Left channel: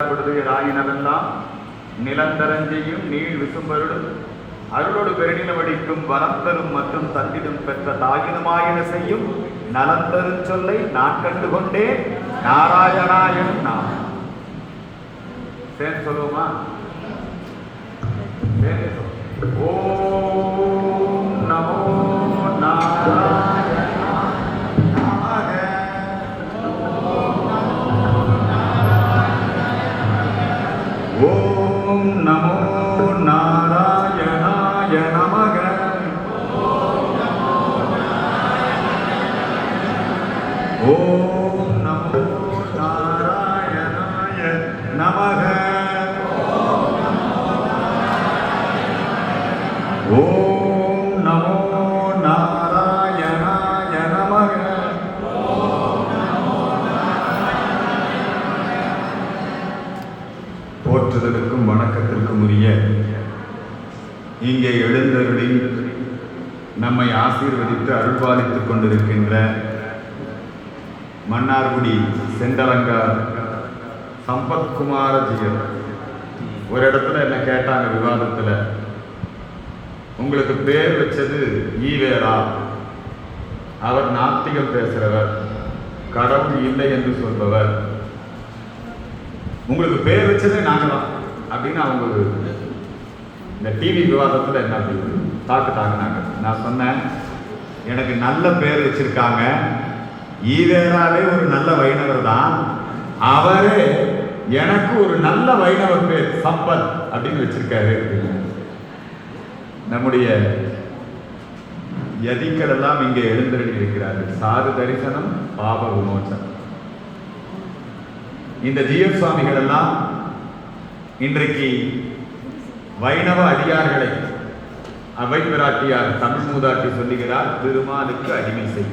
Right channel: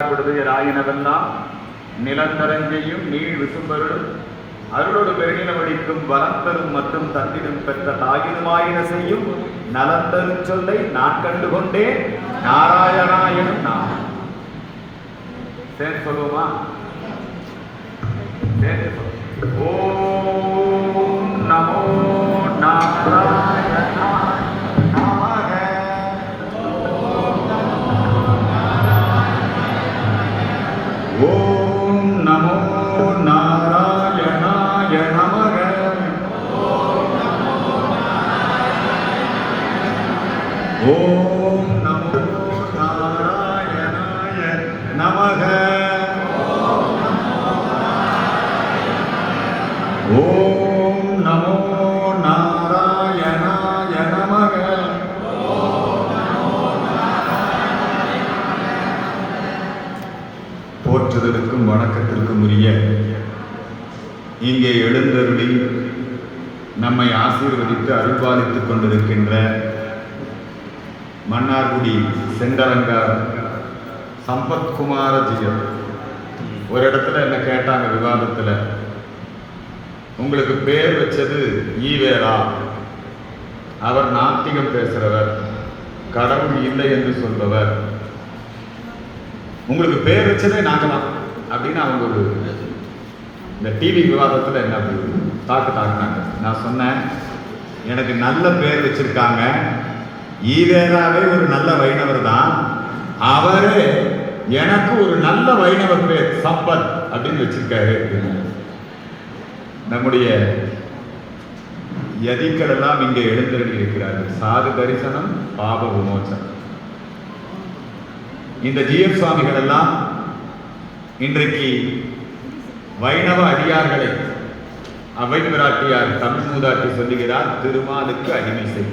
ஆயினவெல்லாம் நிலந்தரஞ்செய்யும் நீள் விசும்பருடும் அருளோடு பெருகினவடிக்கும் வளர்த்தரும் மற்றும் தந்திடும் பெற்ற தாயினுமாயின செய்யும் நலந்தரும் சொல்லை நான் கண்டுகொண்டே நாராயணாயனும் நான் சேர்ந்து சொல்லுவோமா? ஓம் நமோ நாராயணாய ஓம் நமோ நாராயணாய நமக. ஓம் நமோ நாராயணாய நமக. ஓம் நமோ நாராயணாய நமக. போற்றுதலுக்கும் வணக்கத்திற்கும் உரிய இங்கே எழுந்தருளி நம்மை ஆசீர்வதித்து அருள்பாலித்துக் கொண்டிருக்கின்ற மன்னார்குடி செண்டலங்கார் சம்பத்குமாரஜியர் ஒரு இடத்துல என்ன கேட்டாங்க விவாதத்தில், உங்களுக்கு பேர் வச்சது ஈவேரா, அவர் நாத்திகம் பேசுறவர், கடவுள் இல்லை என்று சொல்பவர், உங்களுக்கு பேர் வச்சதே நாங்களாம் அப்படின்னு அவங்க ஒரு இந்த டிவி விவாதத்தில் என்ன தாக்குனாங்க. நான் சொன்னேன், எனக்கு நல்ல பேர் வச்சிருக்காங்க, ஈவேராவே ஒரு நல்ல வைணவர் தான், அவரே எனக்கு ஒரு நல்ல வைணவர் பேர் சம்பத் அப்படின்னு வச்சிருக்காரு. நம்முடைய யதிகளெல்லாம் இங்கே எழுந்தருளி இருக்கிறார்கள். சாது தரிசனம், பாப விமோசனம். இந்த ஜிஎம் சுவாமிகள் எல்லாம் இன்றைக்கு வைணவ அடியார்களை அவை பிராட்டியார் தமிழ் மூதாட்டி சொல்லுகிறார், திருமாலுக்கு அடிமை செய்.